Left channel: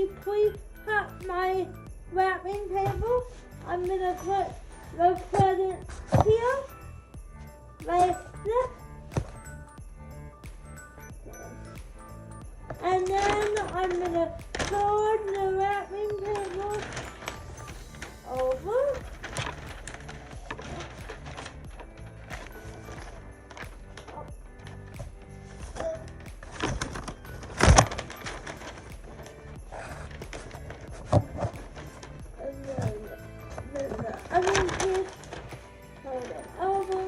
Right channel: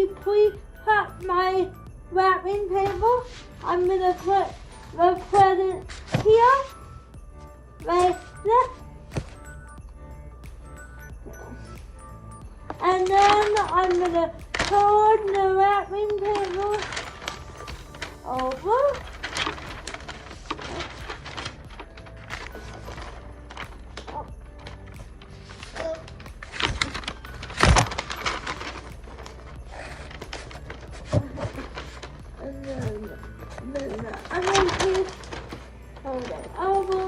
me pre-cut my wrapping paper. I'm gonna put the present here, like this. And then I'm gonna turn the wrapping paper over. I'm going to hold it over.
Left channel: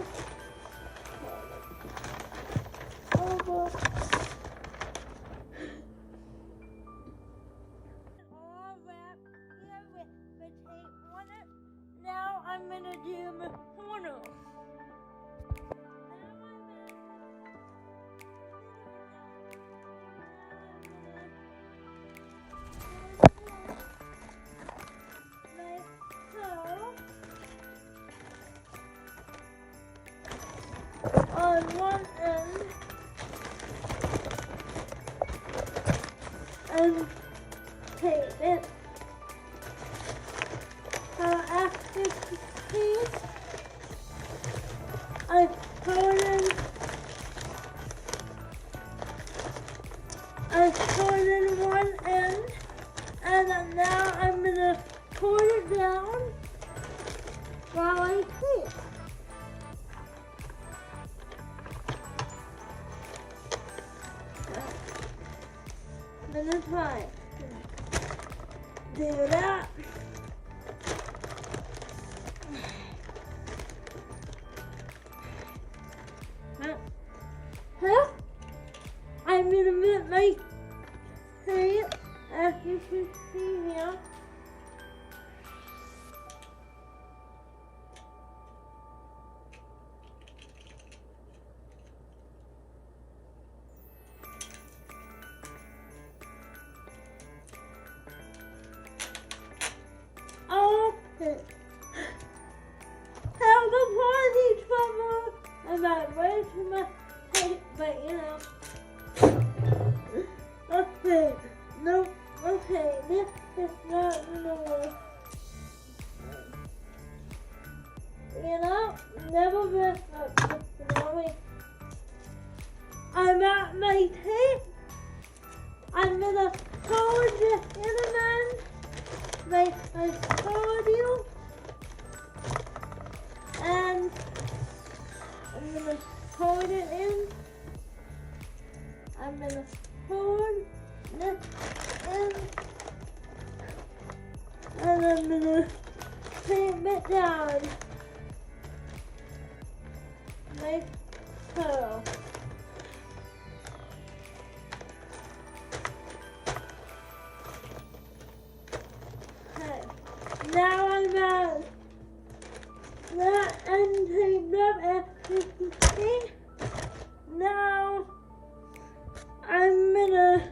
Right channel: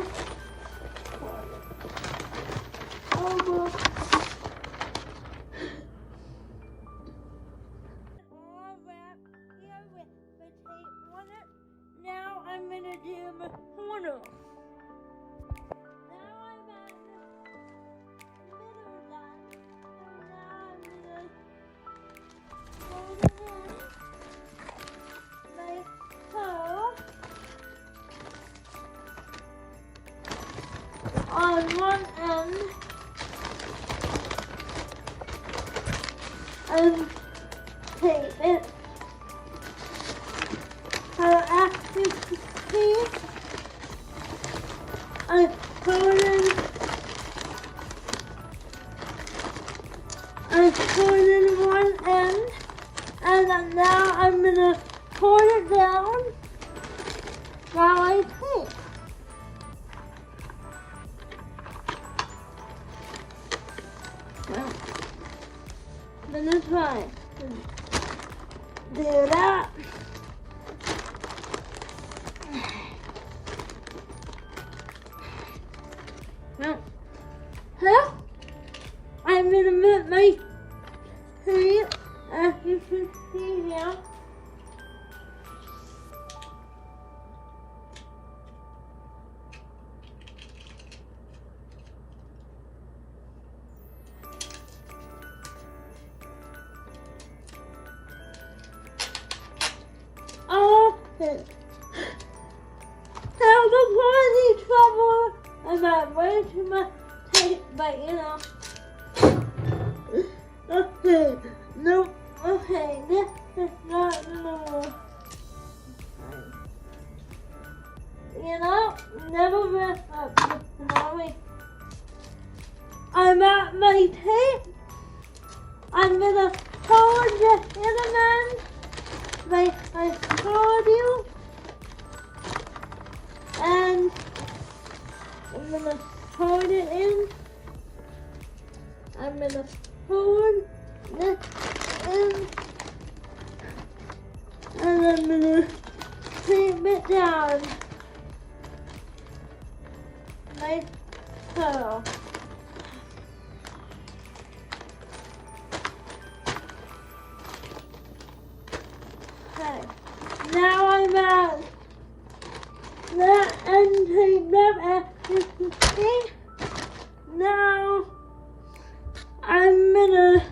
All wrapped here with the tape on it. Now I'm going to do the corner. Now I'm at the on one end and tape it. After you see, I put in one end, and then now I'm gonna pull it down while I tape. I'm gonna try to do that. I'm gonna put my tape, as you can see here. Now before any trouble about running too much tape, but you know. Okay, no, okay, this is not normal. You know, never mess up. I'm at my tape. I'm gonna hold the other man like I told you. And I'm gonna hold it in. I'm gonna hold this in. And I'm gonna tape it down. Like so. Okay. Now I'm at that end taped up as you can see. Now I'm gonna